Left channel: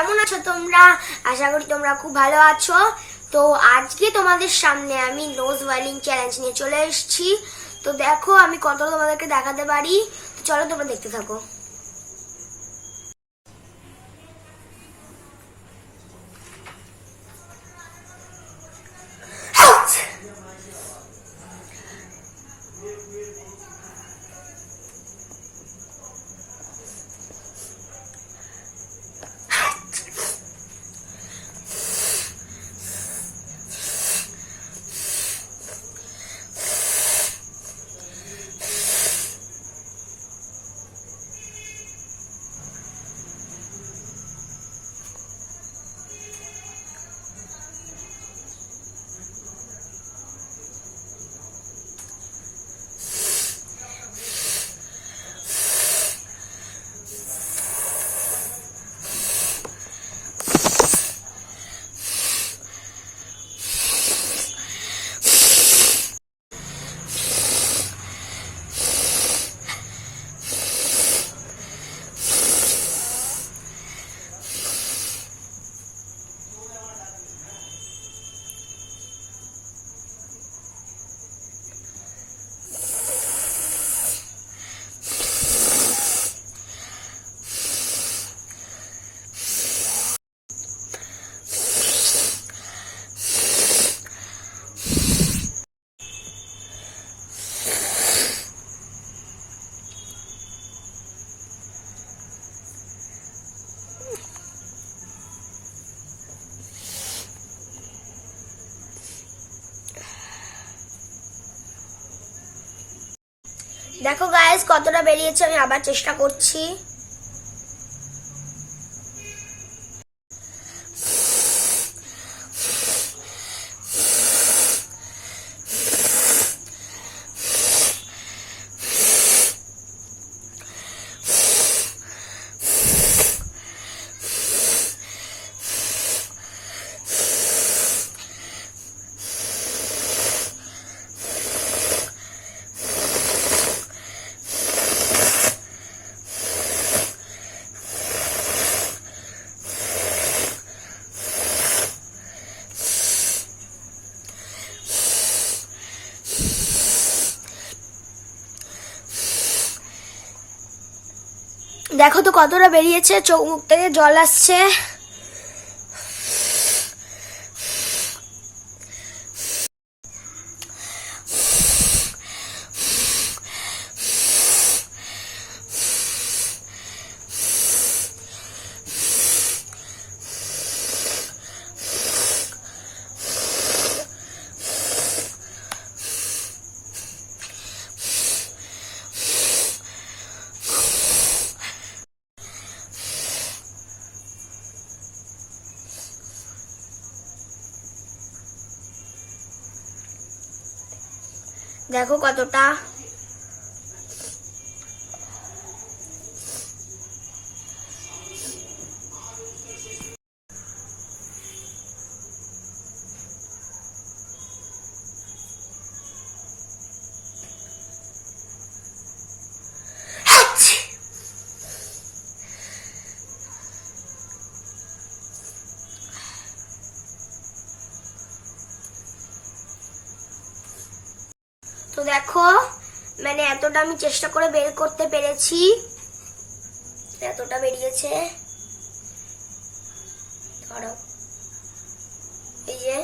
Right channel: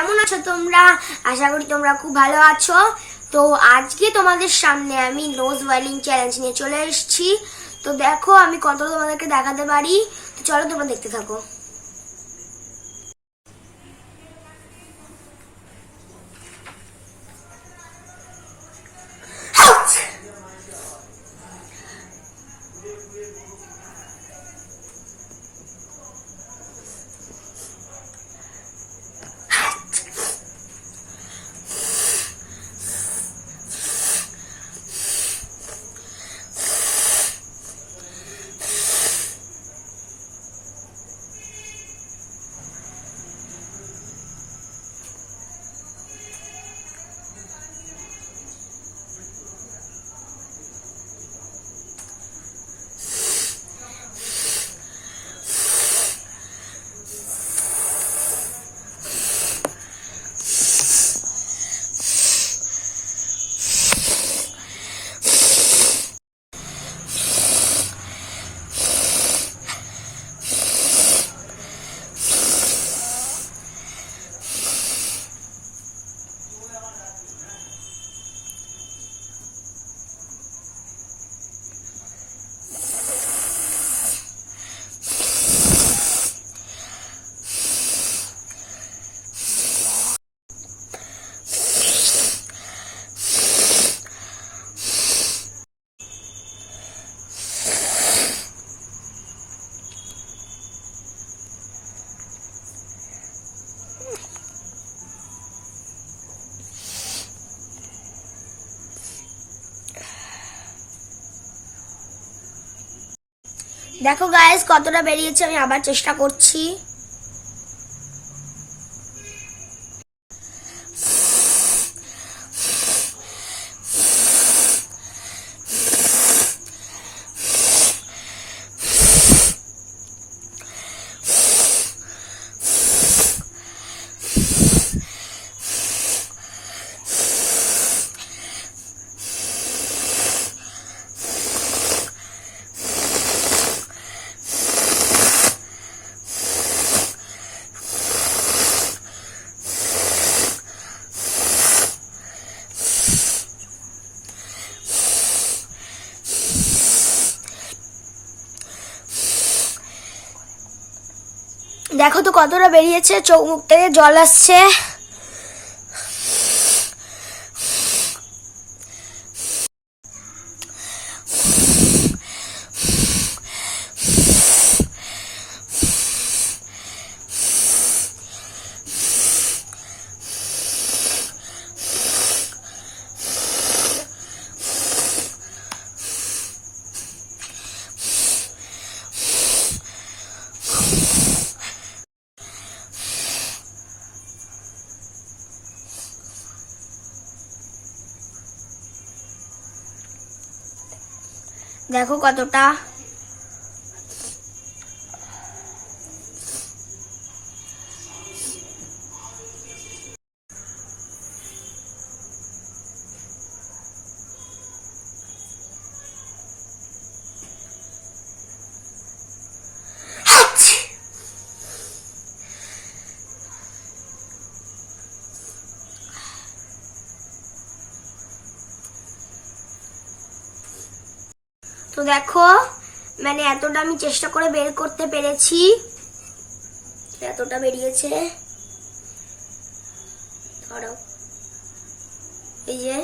কেমন আছো তোমরা? আশা করি তোমরা খুব ভালো আছো। তো আজকে তোমাদের সামনে আমি নোজ ওয়াইলিং চ্যালেঞ্জ নিয়ে চলে এসেছি। তো দেখো আমি কতটা তোমাদেরকে দেখাতে পারি। তো চলো তোমরা দেখতে থাকো। দেখো গাইস কতটা বেরিয়েছে, আমি আবার চেষ্টা করছি। দেখো তো কতটা বেরিয়েছে, চোখ মুখ থেকে জল আসছে। দেখো কতটা। তো দেখো মানে এতটা আমি চেষ্টা করে বের করতে পেরেছি, এতটা বেরিয়েছে। ধরো এই যে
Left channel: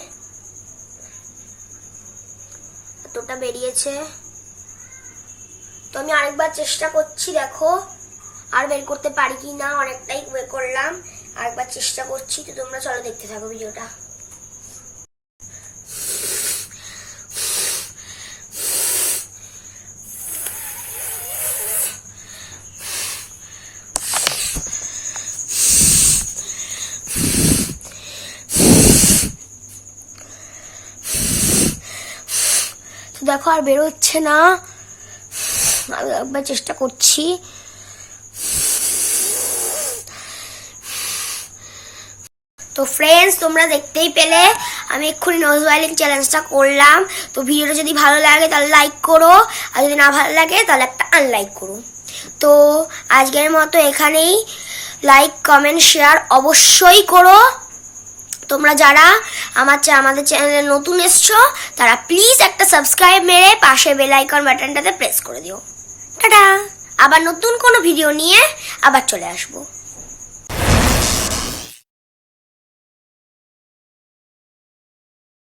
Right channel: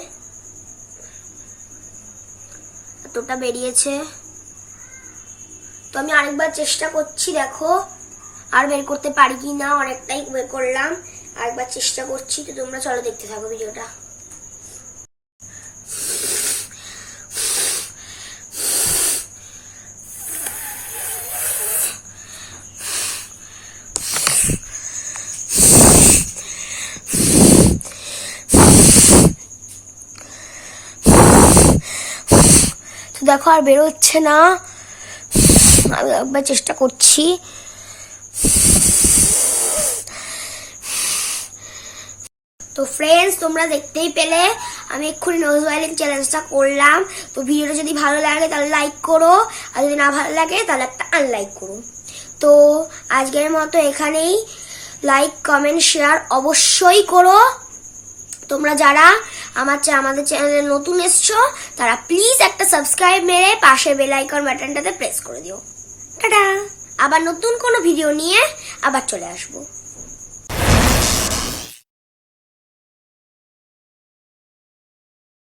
এতটা বেরিয়েছে। তো আমি আরেকবার চেষ্টা করছি, দেখো আর বের করতে পারি কি না। অনেকটাই বের করলাম, আরেকবার চেষ্টা করছি। তো তোমরা চলো দেখতে থাকো ভিডিওটা। দেখো আর বেরোচ্ছে না, আমি একবার চেষ্টা করছি। তো ফ্রেন্ডস তোমরা দেখতেই পেলে আমি এক্ষুনি নোজ ওয়াইলিং চ্যালেঞ্জটা করলাম। তো ভিডিওটা যদি ভালো লাগে তাহলে লাইক করো, আর যদি না ভালো লাগে তাহলে একটা আনলাইক করো। তো আজকের মতো এখানেই লাইক কমেন্ট শেয়ার অবশ্যই করো। তোমরা যারা আমাদের চ্যানেলে নতুন এসছো তারা প্লিজ একটা সাবস্ক্রাইব মেরে পাশে বেল আইকন বাটনটাতে প্রেস করে দিও। টাটা, আবার নতুন কোনো ভিডিও নিয়ে আবার চলে আসবো।